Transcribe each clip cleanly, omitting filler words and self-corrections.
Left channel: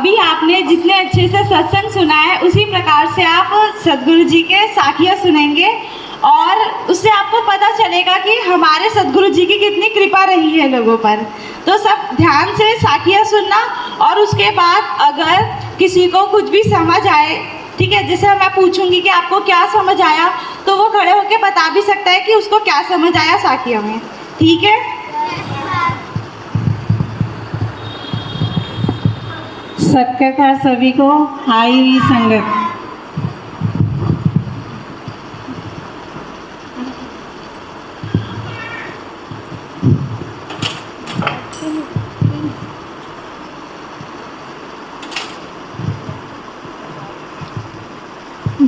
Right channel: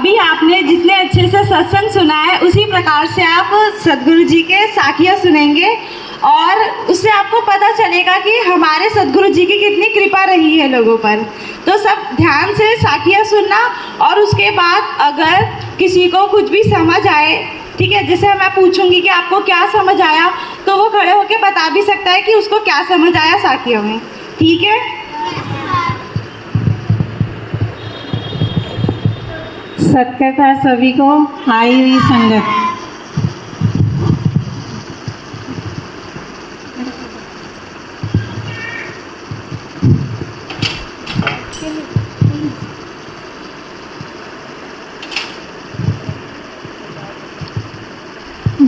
अभी आपने जितने अच्छे से सत्संग सुना है उसी प्रकार से आप सद्गुरु जी के साखियाँ सुनेंगे और उससे आपको पता चलेगा कि हमारे सद्गुरु जी की कितनी कृपा रही है लोगों पर। तो सब ध्यान से साखियाँ सुनना और उसके बाद अगर किसी को कुछ भी समझ आए, ठीक है, जैसे मैं पूछूंगी कि आपको क्या समझ आया, तो वो खड़े होकर बता भी सकता है कि उसको क्या समझ आया साखियों में। ठीक है, सत्कार सभी को आई हुई संगत।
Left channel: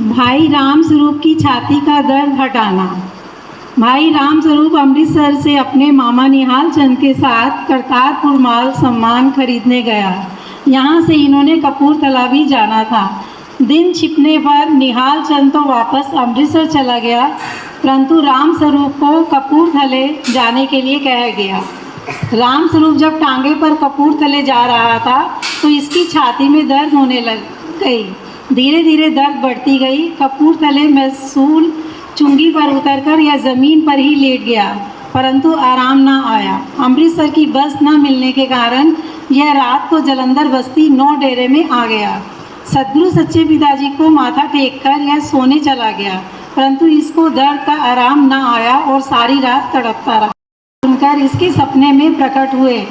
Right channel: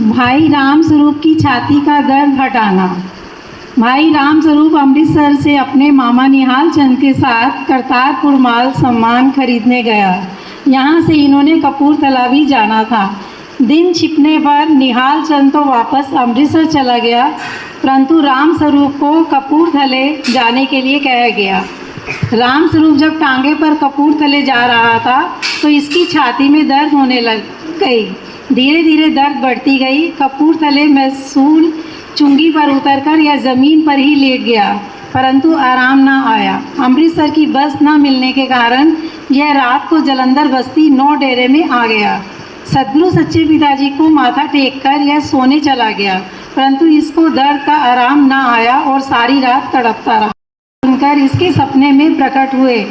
भाई राम स्वरूप की छाती का दर्द हटाना। भाई राम स्वरूप अमृतसर से अपने मामा निहाल चंद के साथ करतारपुर माल सामान खरीदने गया। यहाँ से इन्होंने कपूरथला भी जाना था। दिन छिपने पर निहाल चंद तो वापस अमृतसर चला गया, परंतु राम स्वरूप को कपूरथले जाने के लिए कहा गया। राम स्वरूप जब टांगे पर कपूरथले जा रहा था तो इसकी छाती में दर्द होने लग गई। धीरे धीरे दर्द बढ़ती गई। कपूरथले महसूल चुंगी पर उतरकर यह ज़मीन पर ही लेट गया, परंतु आराम न आया। अमृतसर की बस न मिलने के कारण यह रात को जलंधर बस्ती 9 डेरे में आ गया। सद्गुरु सच्चे पिताजी को माथा टेककर यह सोने चला गया, परंतु इसको दर्द का आराम न आया और सारी रात तड़पता रहा। सुनकर इसके सपने में प्रकट हुए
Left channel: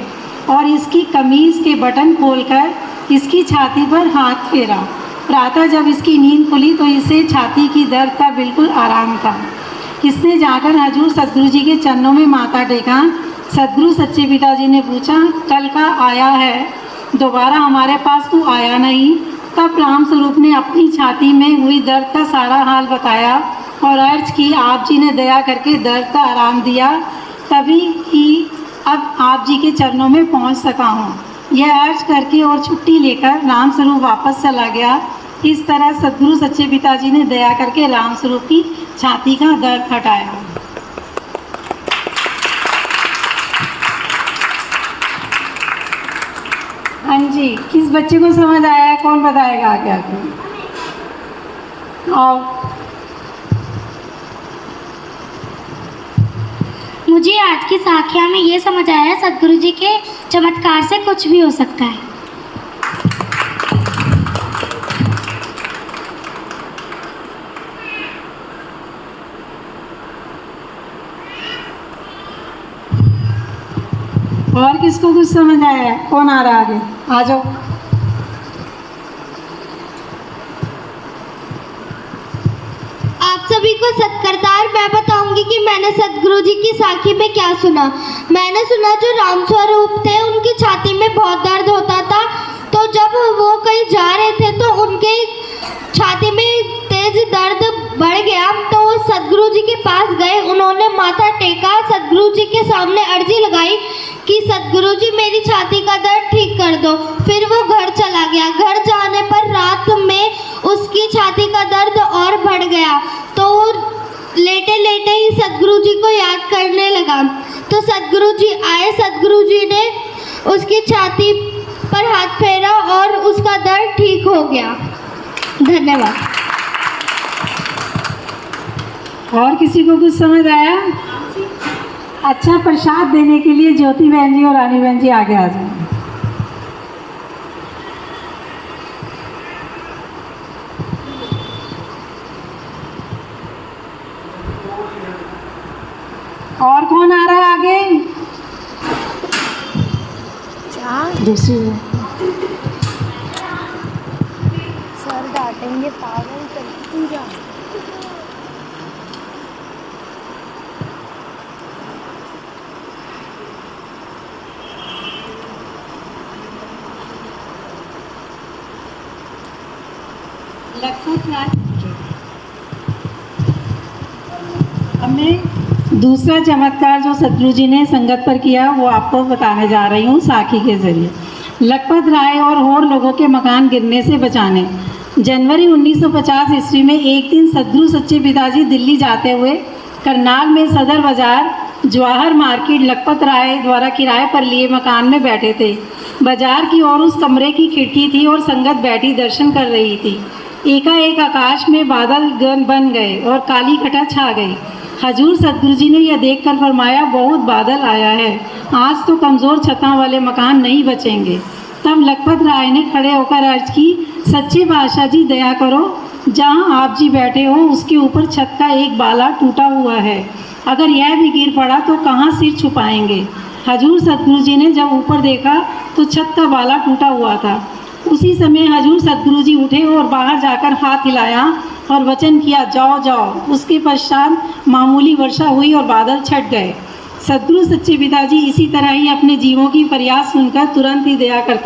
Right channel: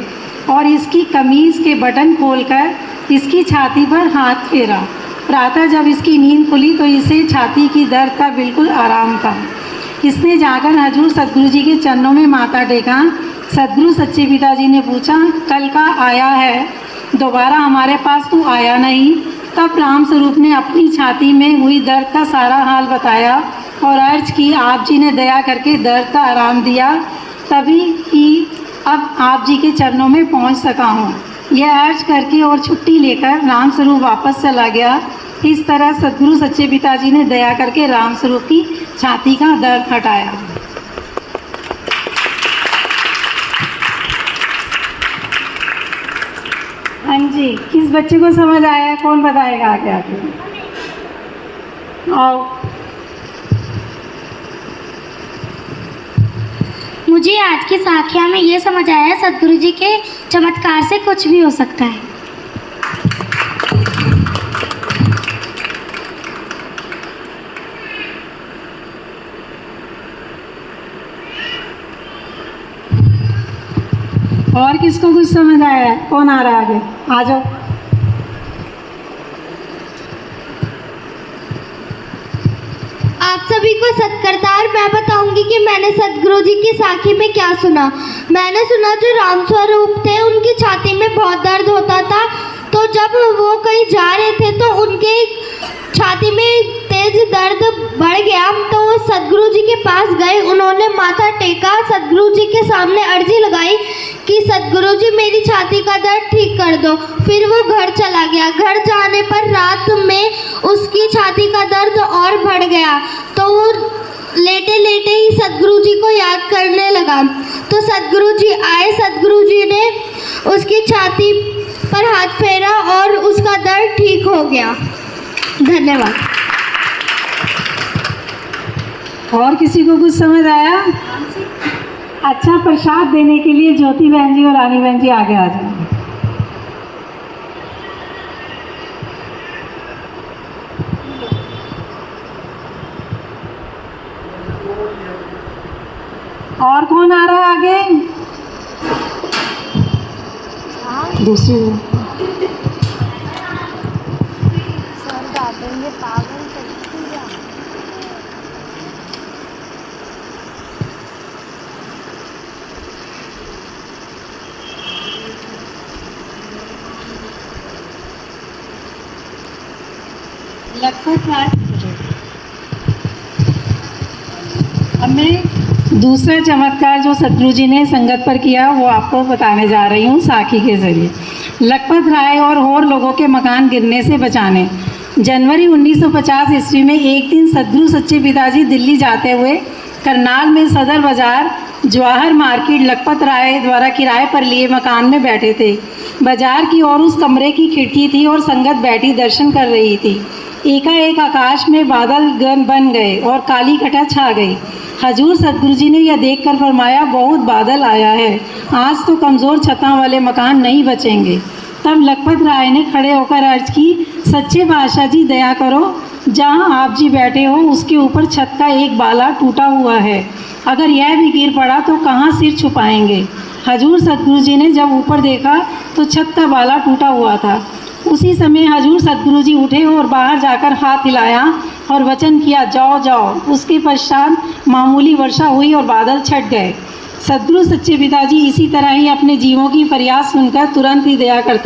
और इसकी कमीज़ के बटन खोलकर इसकी छाती पर हाथ फेरा। प्रातः जब इसकी नींद खुली तो इसे छाती की दर्द का बिल्कुल आराम था। इसने जाकर हजूर सद्गुरु जी के चरणों में माथा टेका। सद्गुरु सच्चे पिताजी ने पूछा, कल का आया है, दोबारा हमारे पास तू आया नहीं। तब राम स्वरूप ने अपनी छाती में हुई दर्द का सारा हाल बताया और अर्ज की, आप जी ने दया करके दर्द का आराम दिया, तभी ही अब आप जी के चरणों में पहुंच सका हूँ। यह अर्ज करके और छुट्टी लेकर राम स्वरूप वापस चला गया। इस तरह सद्गुरु सच्चे पिताजी ने दया करके राम स्वरूप की छाती का दर्द हटाया। हाँ जी, किस बच्चे को समझ आया है? कौन बताएगा आगे आगे? आओ। मुझे आज की साखिया में ये समझ आया, सद्गुरु जी के चमत्कार से कुछ भी हो सकता है। और किसको कुछ समझ आया है? कौन आ रहा है आगे? आ जाओ। आप सभी को सत्करतार मैं बताऊंगी कि मैंने सद्गुरु जी की साखी में क्या सुना। मैंने सुना जो राम स्वरूप थे उनकी छाती में बहुत दर्द होता था, तो जब वो कहीं जा रहे थे तो उनके छाती में तेज दर्द बढ़ गया, तो वो सद्गुरु जी के पास गए। उन्होंने माथा टेका, सद्गुरु जी के सामने अर्जी लगाई कि सद्गुरु जी मेरी छाती का दर्द ठीक कर दो। फिर वो घर चला गया। घर जाने पर रात में उसकी छाती का दर्द और बढ़ गया, तो लेटे लेटे ही सद्गुरु जी को याद करने लगा। तो सद्गुरु जी आए, सद्गुरु जी ने उसकी छाती पर हाथ फेरा और उसका दर्द ठीक हो गया। धन्यवाद। और किसी को कुछ समझ आया? अच्छा, प्रसाद देने के लिए ज्योति बहन जी और रानी बहन जी आगे आ जाओ। और कौन आ रहा है आगे? दूसरी सर डांटेंगे, पागल करती जा। अब मैं दूसरा चमत्कार जो सद्गुरु जी ने संगत पर किया वो आपको बताने जा रही हूँ साखी के जरिए। लखपत राय और लोगों के मकान गिरने से बचाने। जनवरी 1950 ईस्वी में एक दिन सद्गुरु सच्चे पिताजी दिल्ली जाते हुए करनाल में सदर बाजार जवाहर मार्केट लखपत राय द्वारा किराए पर लिए मकान में बैठे थे। बाजार की ओर उस कमरे की खिड़की थी और संगत बैठी दर्शन कर रही थी। एकाएक आकाश में बादल गन बन गए और काली घटा छा गई। हजूर सतगुरु जी ने यह देखकर फरमाया, बहुत बादल आया है, आज तो कमज़ोर छतों वाले मकान नहीं बचेंगे। तब लखपत राय ने खड़े होकर अर्ज की, सच्चे बादशाह जी दया करो, जहाँ आप जी बैठे हो उसके ऊपर छत का एक बाला टूटा हुआ है, अगर यह भी गिर पड़ा तो कहाँ सिर छुपाएंगे। हजूर सतगुरु जी ने जब ऊपर देखा तो छत का बाला टूटा हुआ था। उसी समय हजूर सतगुरु जी उठे और बाहर जाकर हाथ हिलाया और वचन किया, जाओ जाओ। उसके पश्चात मामूली वर्षा हुई और बादल छट गए। सदगुरु सच्चे पिताजी इसी तरह ही अपने जीवों की फरियाद सुनकर तुरंत ही दया कर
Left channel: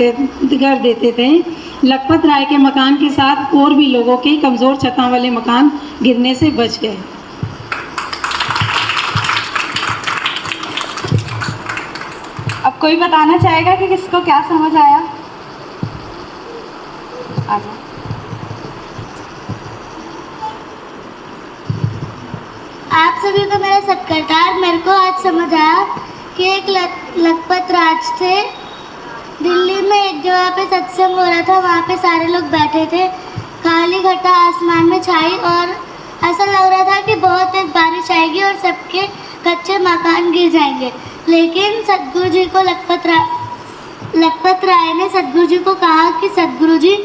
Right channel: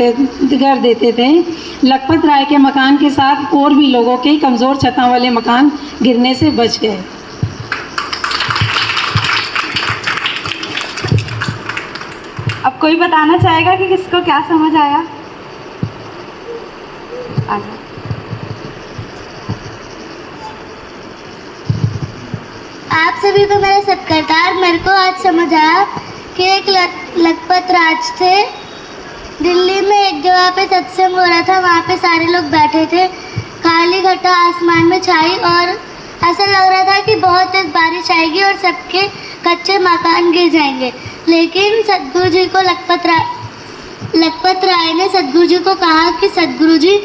देते थे। लखपत राय के मकान के साथ और भी लोगों के कमज़ोर छतों वाले मकान गिरने से बच गए। अब कोई बताना चाहेगा कि किसको क्या समझ आया? आगे। आप सभी को मेरा सत्कार। मेरे को आज समझ आया कि एक लखपत राज थे। दिल्ली में एक जगह पे सत्संग हो रहा था, वहाँ पे सारे लोग बैठे थे। काली घटा आसमान में छाई और ऐसा लग रहा था कि बहुत तेज बारिश आएगी और सबके कच्चे मकान गिर जाएंगे। लेकिन सतगुरु जी को लखपत राय ने सतगुरु जी को कहा कि सतगुरु जी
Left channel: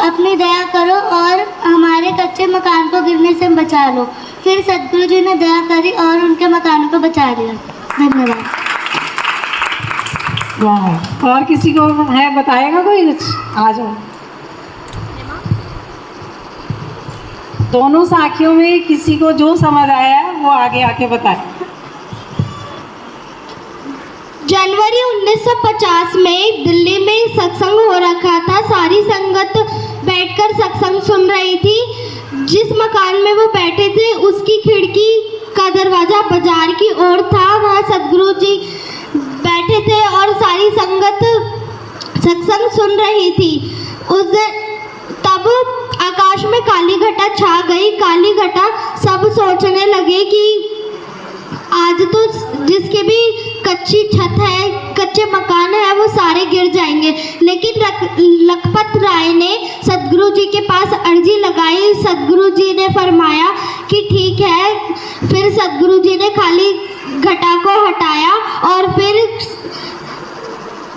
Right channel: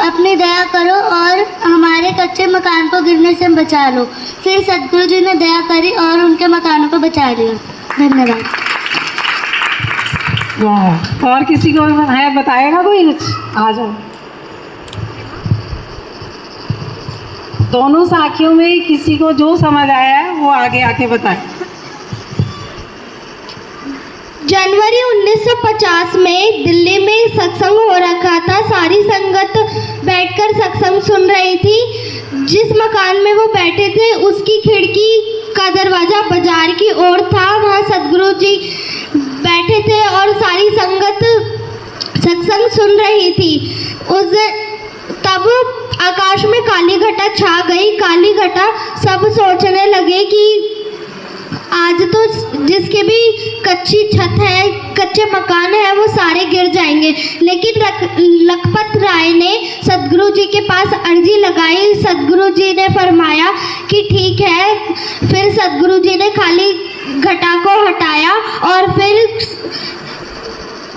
अपनी दया करो और हमारे कच्चे मकान को गिरने से बचा लो। फिर सतगुरु जी ने दया करी और उनके मकानों को बचा लिया। धन्यवाद। वाह, और किसी को है बताएगा कोई कुछ? आ जाओ। दोनों साखियों में किसी को जो समझ आया है वो आगे आके बताए। जनवरी 1950 में दिल्ली में सत्संग हो रखा था। सारी संगत बैठकर सत्संग सुन रही थी। जिस मकान में वो बैठे थे उसकी खिड़की का दरवाज़ा बाजार की ओर था। वहाँ सतगुरु जी बैठे थे और सारी संगत सत्संग सुन रही थी। तब आकाश में काली घटा छा गई। काली घटा सब सोचने लगे कि आज तो जिसके भी कच्ची छत है, कच्चे मकान है, वो सारे गिर जाएंगे। लेकिन लखपत राय ने सतगुरु जी के पास अर्जी लगाई। सतगुरु जी ने फरमाया कि ठीक है। फिर सतगुरु जी ने काली घटा को हटाया और फिर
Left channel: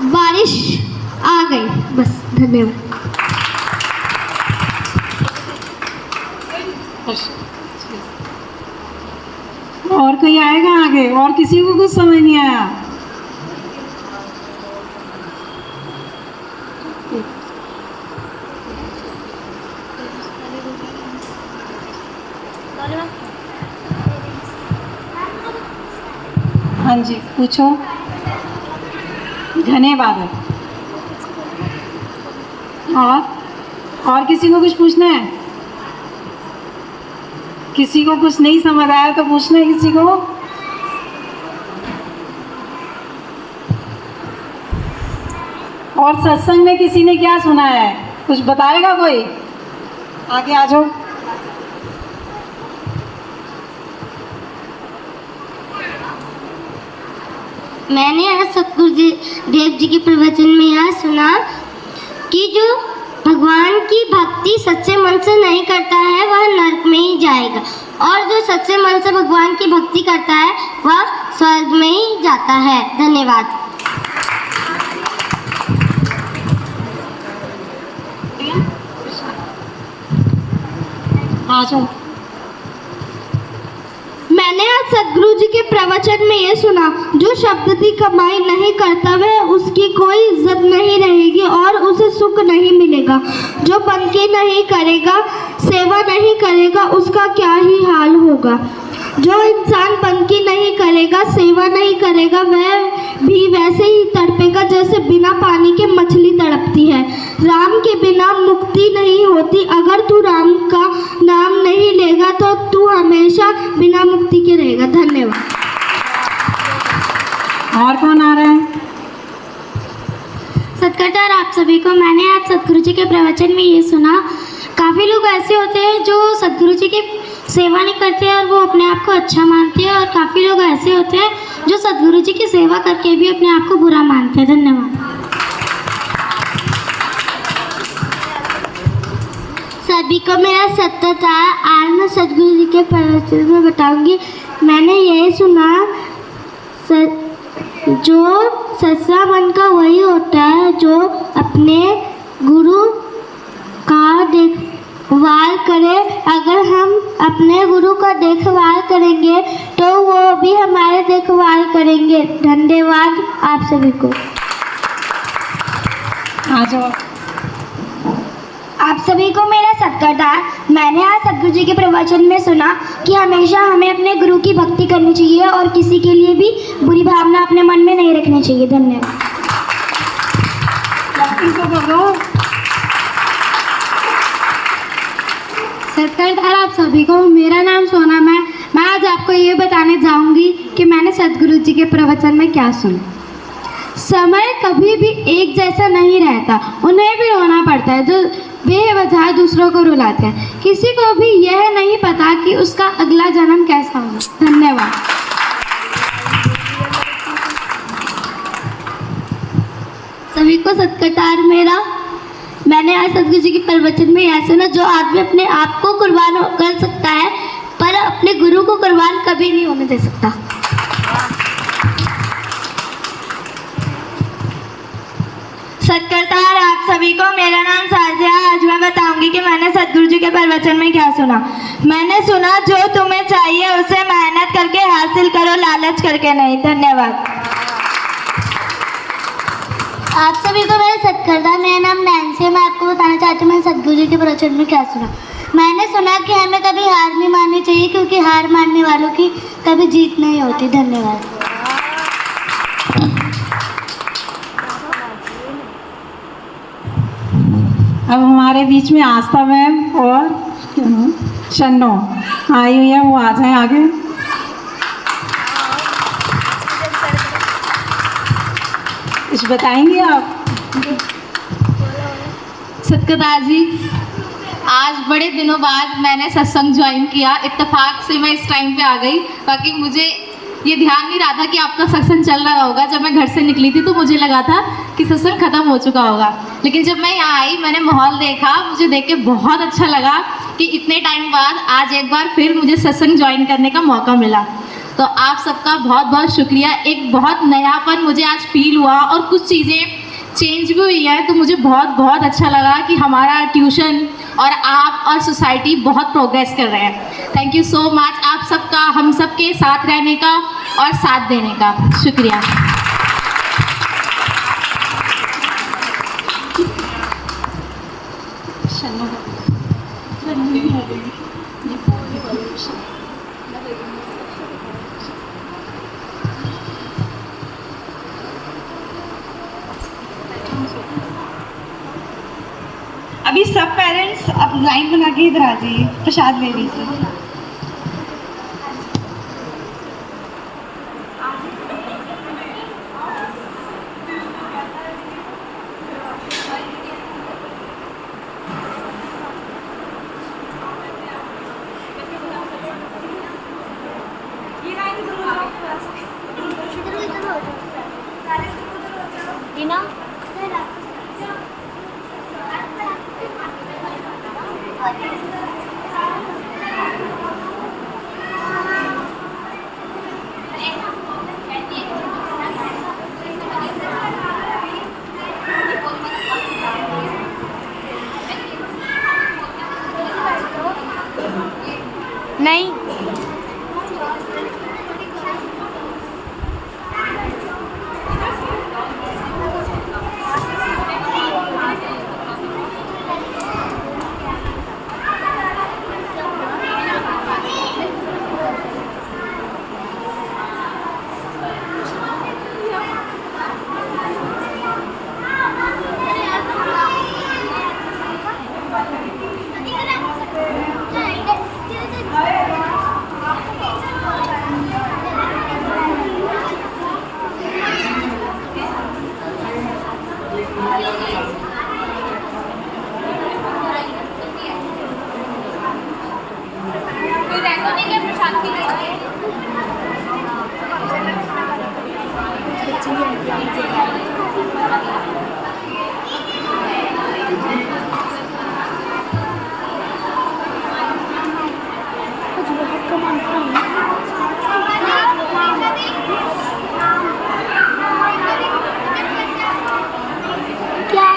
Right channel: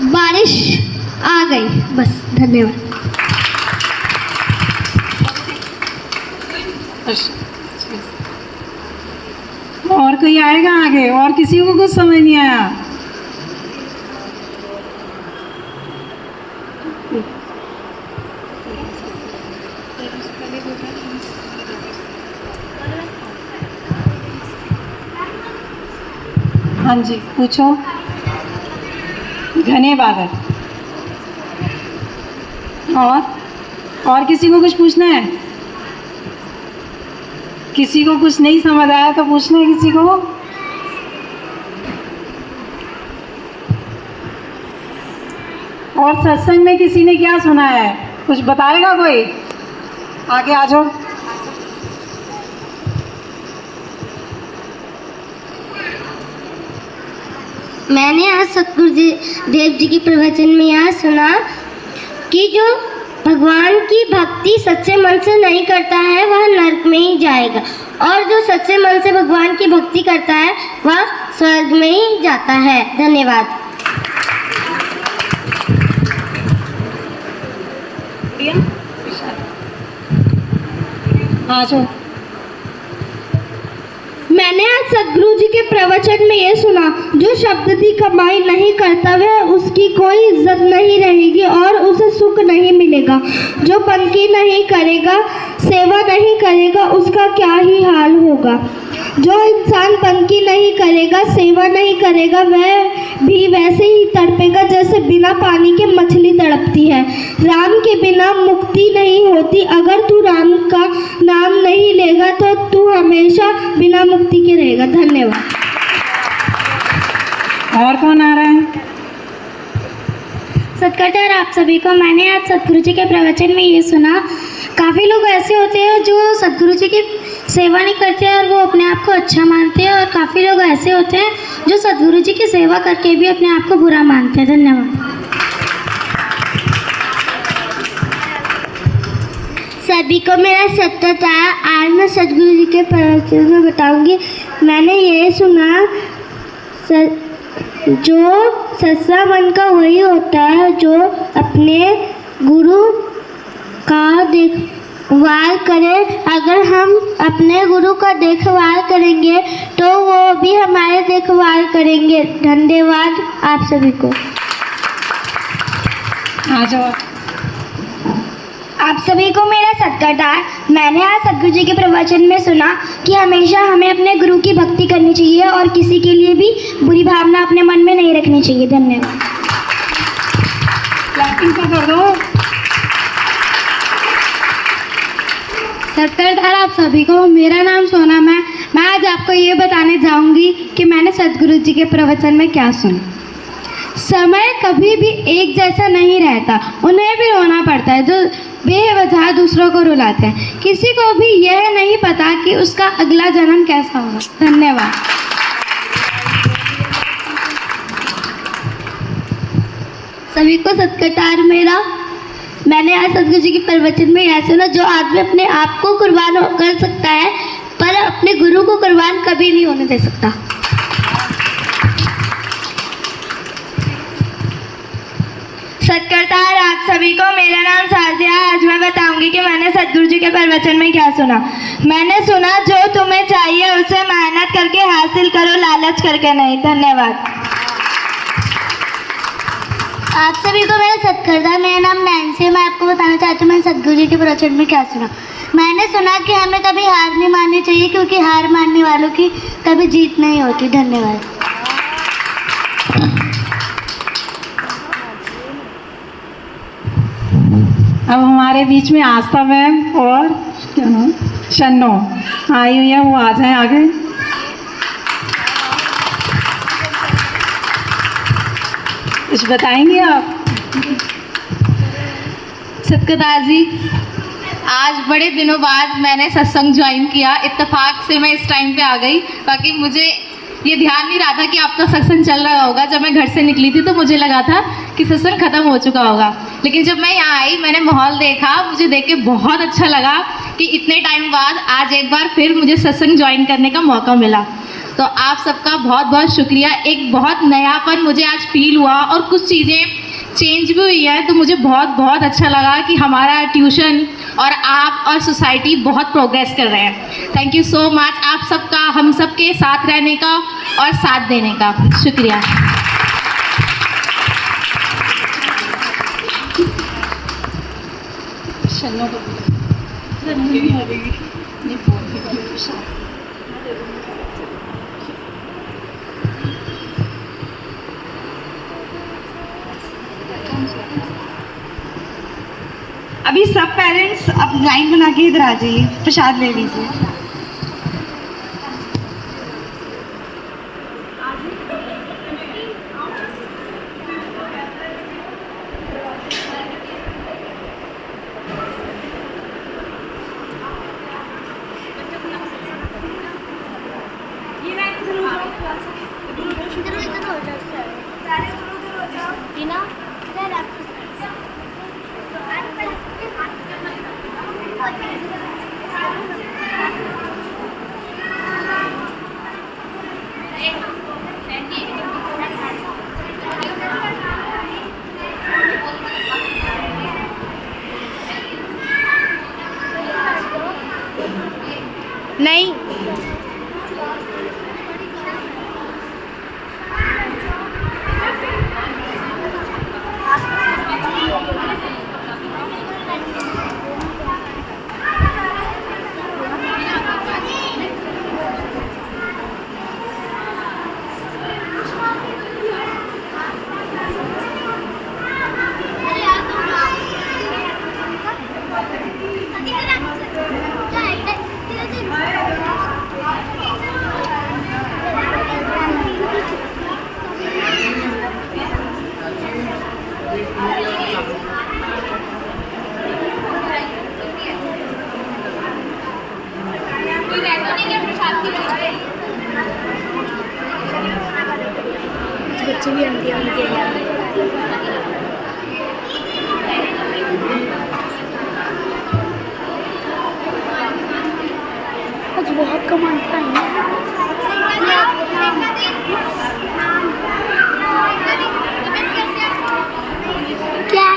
बारिश आ गई। बस, धन्यवाद। और कोई आएगा आगे? और किसी को कुछ समझ नहीं आया? हाँ जी, पूछो। घने बादल। और किसी को कुछ पूछना है? किसी को कुछ नहीं समझ आया तो पूछना है किसी को? और सत्संग में किसी ने क्या सुना है? कुछ बताएगा कोई? आगे आ जाओ। मैंने आज सतगुरु जी देव जी के प्रवचन में यह सुना कि जो भगवान की भक्ति सच्चे मन से नहीं करता है वह नरक में ही जाएगा, और जो सच्चे मन से भगवान की भक्ति करता है वह स्वर्ग में ही जाता है। धन्यवाद। आ जाओ। मैंने आज सतगुरु जी के प्रवचन में ये सुना, जो शब्द की कमाई नहीं करता वह उसकी कोई इज्जत नहीं रहेगी और उसे सुख नहीं मिलेगा। जो बंदगी नहीं करेगा, सेवा नहीं करेगा, उसका क्या ही हाल होगा। जो इंसान बंदगी नहीं करेगा, सेवा नहीं करेगा, वह भी वैसे ही तड़पेगा जैसे बिना पानी के मछली तड़पती है। राम के बिना मुक्ति नहीं होती। अगर तू राम का नाम नहीं लेगा तो तू हमेशा बिना मुक्ति के रहेगा। धन्यवाद। और कौन आ रहा है? सत्कार आप सभी को। मैंने आज सतगुरु जी के प्रवचन में ये सुना, काफ़ी लोग ऐसे होते हैं जो सतगुरु जी की सेवा नहीं करते और वो अपने आप को अच्छा मानते हैं, और काफ़ी लोग ऐसे होते हैं जो सतगुरु जी की सेवा करके भी अपने आप को बुरा मानते हैं। धन्यवाद। सभी को मेरा सत्कार। आज मैं सद्गुरु जी के प्रवचन में बताऊंगी। मैंने ये सुना, जो सच्चा मन का वही होता है जो अपने गुरु का देखभाल करे। अगर हम अपने गुरु का देखभाल करेंगे तो वो भी हमारे देखभाल करेंगे। धन्यवाद आप सभी को। आ जाओ। आप सभी को मेरा सत्कार। मैंने आज सद्गुरु जी के प्रवचन में सुना कि हमेशा हमें अपने गुरु की भक्ति करनी चाहिए और किसी के लिए भी बुरी भावना अपने मन में नहीं रखनी चाहिए। धन्यवाद। क्लैपिंग तो कर दो। सत्कार आप सभी को। मेरा नाम सोनम है। मैं आज आपको ये बताने जाऊंगी कि मैंने सद्गुरु जी के प्रवचन में क्या सुना। समय कभी भी एक जैसा नहीं रहता, उन्हें भी रोना पड़ता है जो बेवजह दूसरों को रुलाते हैं। किसी को भी यह नहीं पता कि उसका अगला जन्म कैसा होगा। धन्यवाद। सभी को सत्कार मेरा। मैंने आज सद्गुरु जी के प्रवचन में यह सुना, जो आदमी अपने आप को कुर्बान कर सकता है पर अपने गुरु को कुर्बान कभी नहीं होने दे सकता। सत्कार आप सभी को। मेरा नाम साजिया है। आज मैं बताऊंगी कि मैंने सद्गुरु जी के प्रवचन में क्या सुना। मैंने सुना, जो तुम्हें चाहिए उसे मेहनत करके हासिल करो, लालच करके नहीं। धन्यवाद। आप सभी को मेरा सत्कार। मेरा नाम नैन्सी है। मैं आपको बताना चाहती हूँ मैंने सद्गुरु जी के प्रवचन में क्या सुना। मैंने सुना कि हमें कभी हार नहीं माननी चाहिए, क्योंकि हार मानने वालों की कभी जीत नहीं होती। धन्यवाद। अब हमारे बीच में आस्था मैम और शन्नो आई हुई है, वो आ जाए आगे। कुछ बताएंगे आप? सत्कार जी, आज बड़े दिनों बाद मैंने सत्संग ज्वाइन किया। इत्तेफाक से मैं इस टाइम पे आ गई, बाकी मुझे ये ध्यान नहीं रहा था कि आपका सत्संग चल रहा होगा। जब मैं घर से निकली थी तो मुझे लगा था कि सत्संग ख़त्म हो चुका होगा, लेकिन जब मैं यहाँ आई मैंने माहौल देखा, मुझे देख के बहुत अच्छा लगा कि इतने टाइम बाद आज एक बार फिर मुझे सत्संग ज्वाइन करने का मौका मिला। तो आप सबका बहुत बहुत शुक्रिया। एक बहुत नयापन मुझे आज फील हुआ और कुछ चीज़ें चेंज भी हुई है, तो मुझे बहुत बहुत अच्छा लगा कि हमारा ट्यूशन और आप और सोसाइटी बहुत प्रोग्रेस कर रहे हैं। थैंक यू सो मच आप सबका, हम सबके साथ रहने का और साथ देने का शुक्रिया। अभी सब पेरेंट्स अब लाइन बना के इधर आ जाइए, प्रसाद ले लीजिए। नहीं, बहुत कमाता है। क्या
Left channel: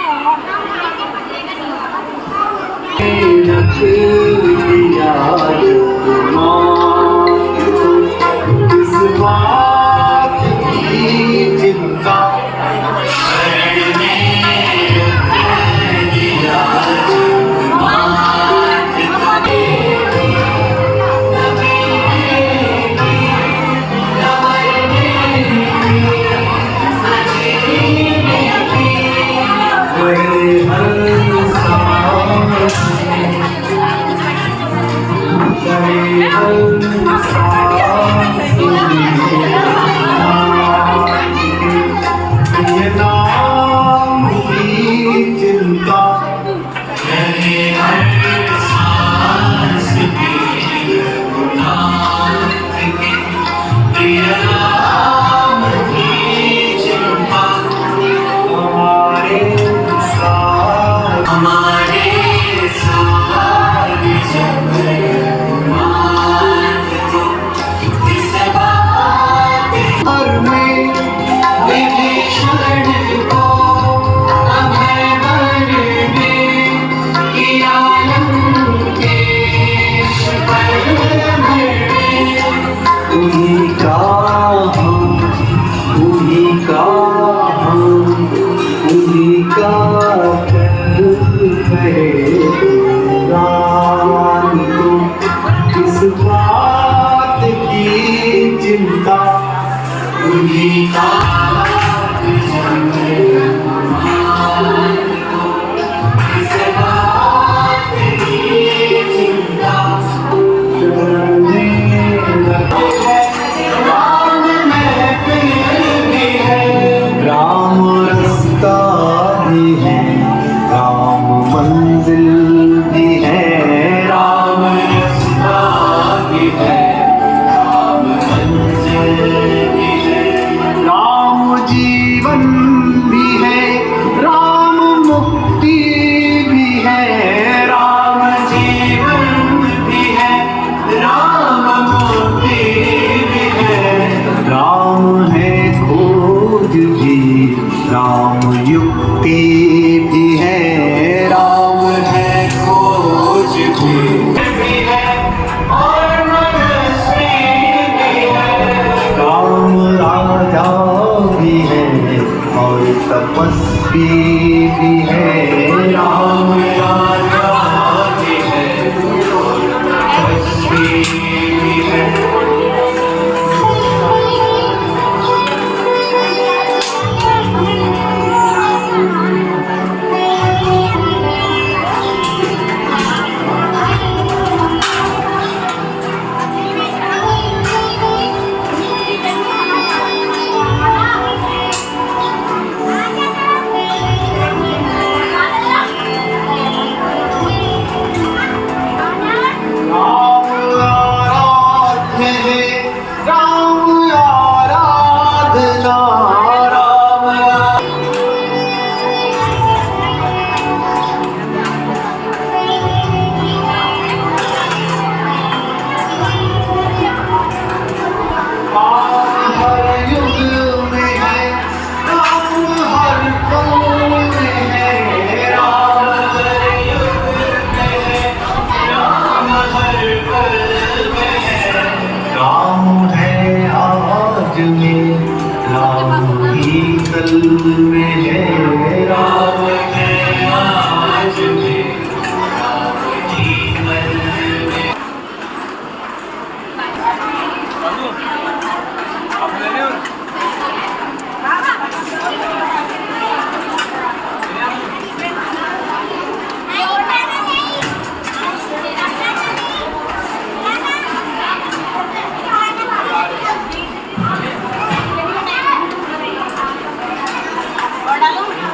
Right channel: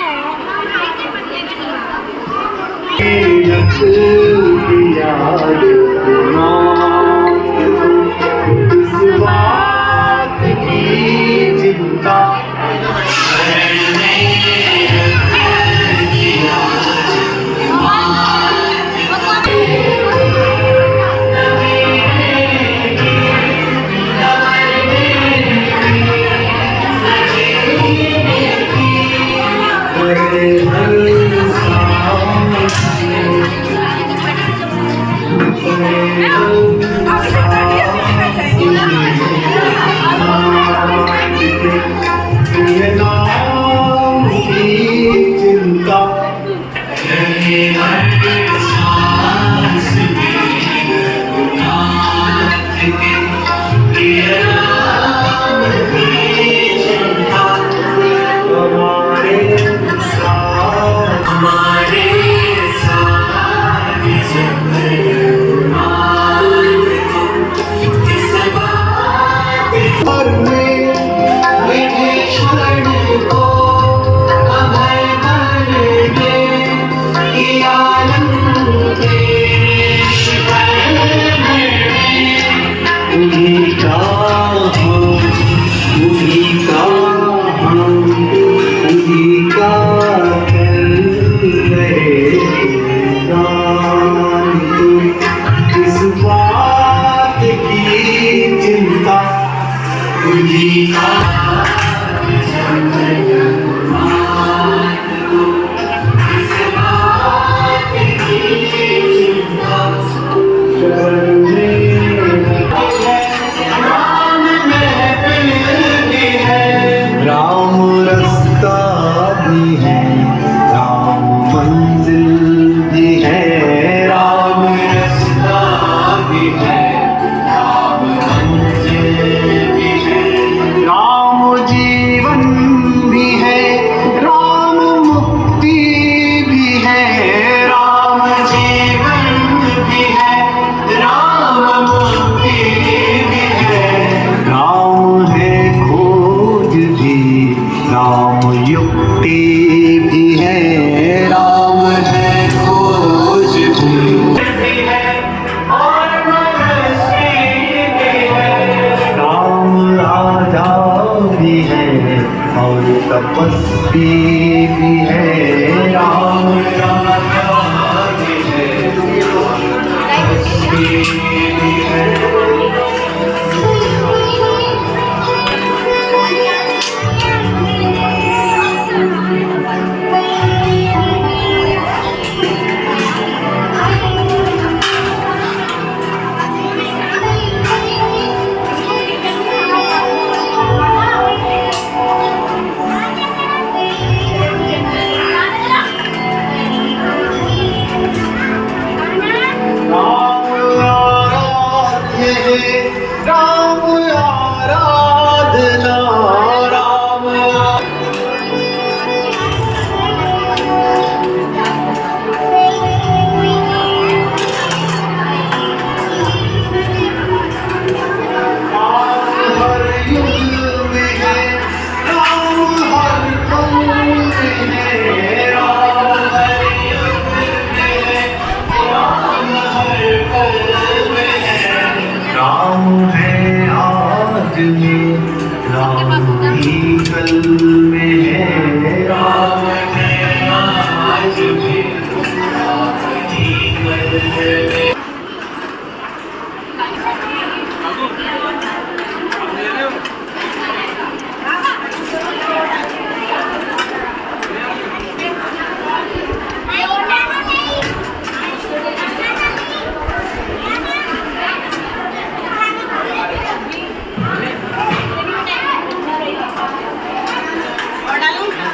डालूं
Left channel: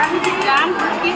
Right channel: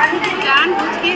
के